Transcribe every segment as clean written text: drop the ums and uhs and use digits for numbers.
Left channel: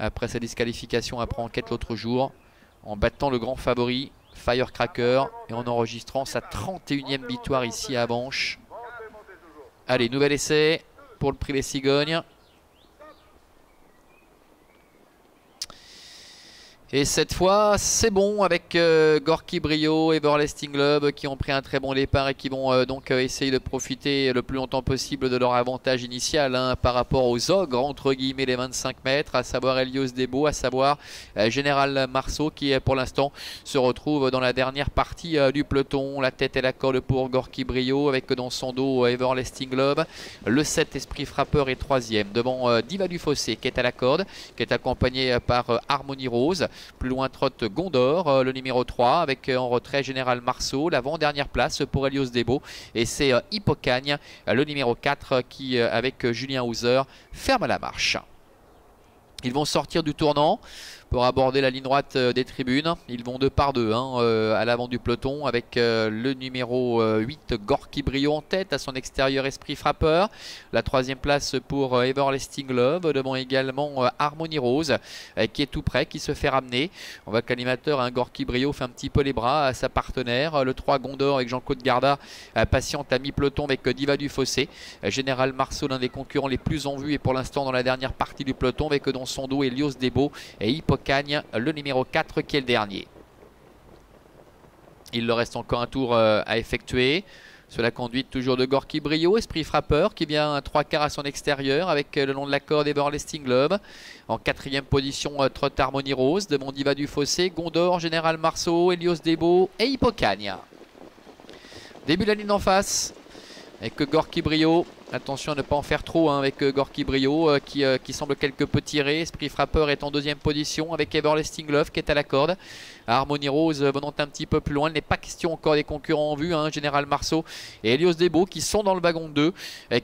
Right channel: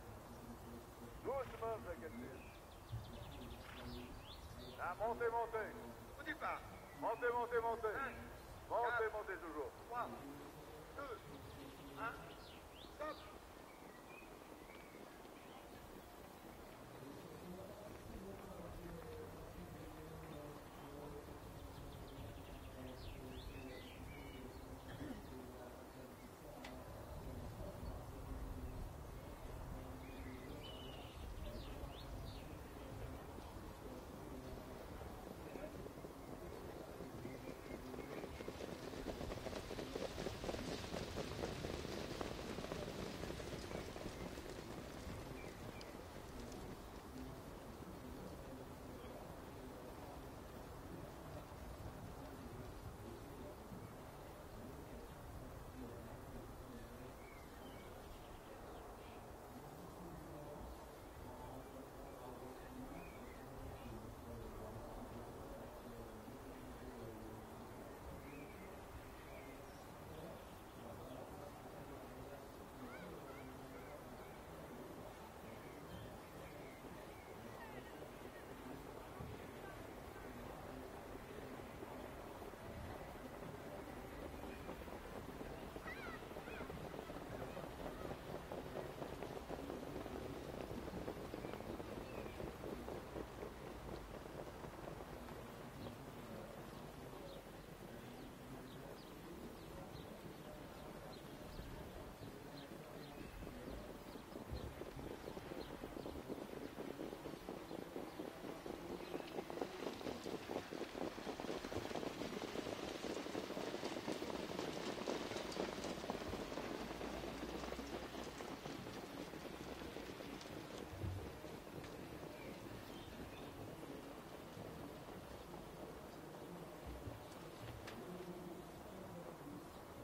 après sa disqualification après enquête l'autre jour, en battant le grand favori Firecracker et en enregistrant sa 31e victoire ici à Avenches. Allez, nouvel essai pour le privé Cigogne. Et cette fois, c'est bon avec Gorky Brio et Everlasting Love qui ont pris un très bon départ et qui vont donc essayer de profiter le plus longtemps possible de leur avantage initial par rapport aux ogres, entre guillemets, les 25 mètres, à savoir Helios Debo, à savoir Général Marceau qui pour l'instant se retrouve dans la dernière partie du peloton. La tête et la corde pour Gorky Brio avec dans son dos Everlasting Love. Le 7 Esprit Frappeur est 3e devant Diva du Fossé qui est à la corde, qui est accompagné par Harmonie Rose. Plus loin trotte Gondor, le numéro 3 avec en retrait Général Marceau. L'avant-dernière place pour Helios Debo. Et c'est Hippocagne, le numéro 4 qui avec Julien Hauser ferme la marche. Ils vont sortir du tournant pour aborder la ligne droite des tribunes. Ils vont 2 par 2 à l'avant du peloton avec le numéro 8 Gorky Brio en tête, à son extérieur Esprit Frappeur. La 3e place pour Everlasting Love, devant également Harmonie Rose qui est tout près, qui se fait ramener. On voit que l'animateur Gorky Brio fait un petit peu les bras à sa partenaire. Le 3 Gondor avec Jean-Claude Garda patiente à mi-peloton avec Diva du Fossé. Général Marceau, l'un des concurrents les plus en vue et pour l'instant dans la dernière partie du peloton, avec dans son dos Helios Debo et Hippocagne, le numéro 4 qui est le dernier. Il leur reste encore un tour à effectuer. Sur la conduite toujours de Gorky Brio, Esprit Frappeur qui vient à 3/4 à son extérieur avec le long de la corde Everlasting Love. En 4e position trotte Harmonie Rose devant Diva du Fossé, Gondor, Général Marceau, Helios Debo et Hippocagne. Début de la ligne en face avec Gorky Brio. Attention à ne pas en faire trop avec Gorky Brio qui semble quelque peu tiré. Esprit Frappeur est en 2e position avec Everlasting Love qui est à la corde. Harmonie Rose venant un petit peu plus loin. Il n'est pas question encore des concurrents en vue. Général Marceau et Helios Debo qui sont dans le wagon 2,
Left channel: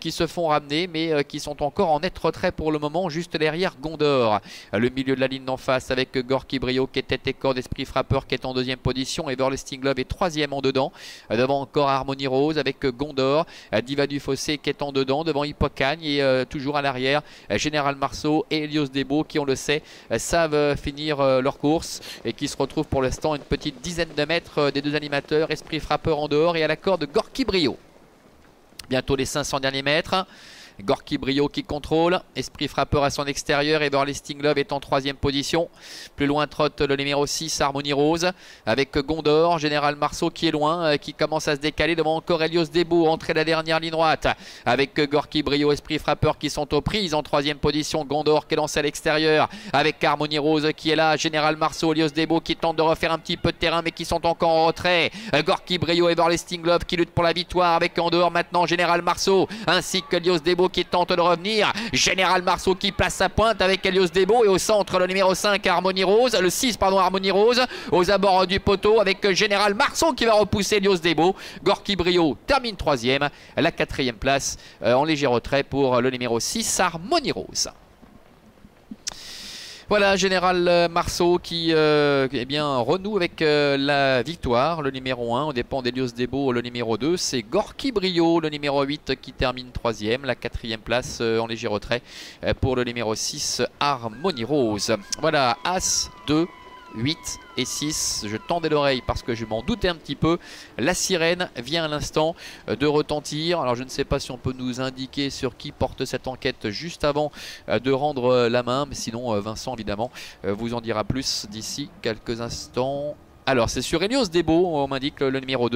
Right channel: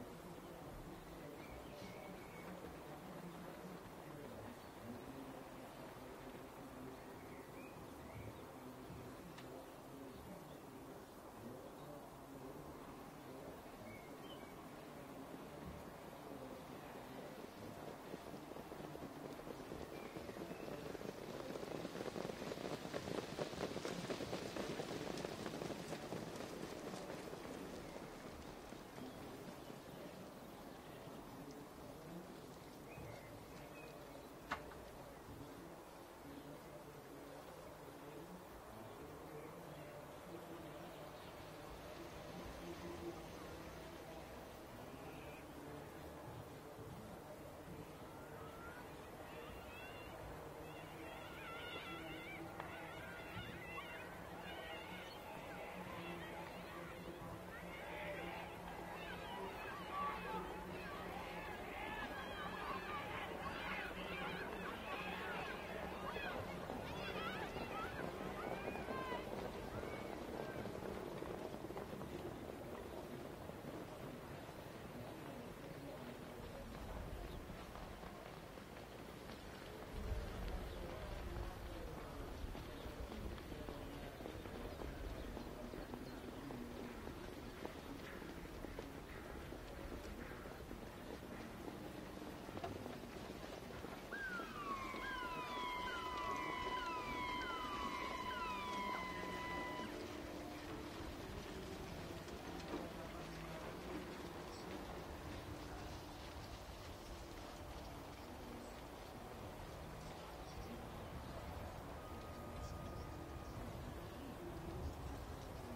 qui se font ramener mais qui sont encore en net retrait pour le moment, juste derrière Gondor. Le milieu de la ligne d'en face avec Gorky Brio qui est tête et corde, Esprit Frappeur qui est en 2e position. Everlasting Love est 3e en dedans. Devant encore Harmonie Rose avec Gondor. Diva du Fossé qui est en dedans, devant Hippocagne et toujours à l'arrière Général Marceau et Helios Debo qui, on le sait, savent finir leur course et qui se retrouvent pour l'instant une petite dizaine de mètres des deux animateurs. Esprit Frappeur en dehors et à la corde Gorky Brio. Bientôt les 500 derniers mètres. Gorky Brio qui contrôle, Esprit Frappeur à son extérieur, Everlasting Love est en 3e position. Plus loin trotte le numéro 6 Harmonie Rose avec Gondor, Général Marceau qui est loin, qui commence à se décaler devant encore Helios Debo, entrée de la dernière ligne droite avec Gorky Brio, Esprit Frappeur qui sont aux prises. En 3e position Gondor qui est lancé à l'extérieur avec Harmonie Rose qui est là, Général Marceau, Helios Debo qui tente de refaire un petit peu de terrain mais qui sont encore en retrait. Gorky Brio, Everlasting Love qui lutte pour la victoire avec en dehors maintenant Général Marceau ainsi que Helios Debo qui tente de revenir. Général Marceau qui place sa pointe avec Helios Debo et au centre le numéro 5 Harmonie Rose, le 6 pardon Harmonie Rose aux abords du poteau avec Général Marceau qui va repousser Helios Debo. Gorky Brio termine 3e, la 4e place en léger retrait pour le numéro 6 Harmonie Rose. Voilà, Général Marceau qui renoue avec la victoire, le numéro 1, au dépend d'Helios Debo, le numéro 2. C'est Gorky Brio, le numéro 8, qui termine 3e, la 4e place en léger retrait pour le numéro 6, Harmonie Rose. Voilà, As, 2, 8 et 6. Je tendais l'oreille parce que je m'en doutais un petit peu. La sirène vient à l'instant de retentir. Alors je ne sais pas si on peut nous indiquer sur qui porte cette enquête juste avant de rendre la main. Mais sinon Vincent évidemment vous en dira plus d'ici quelques instants. Alors c'est sur Helios Debo, on m'indique le numéro 2.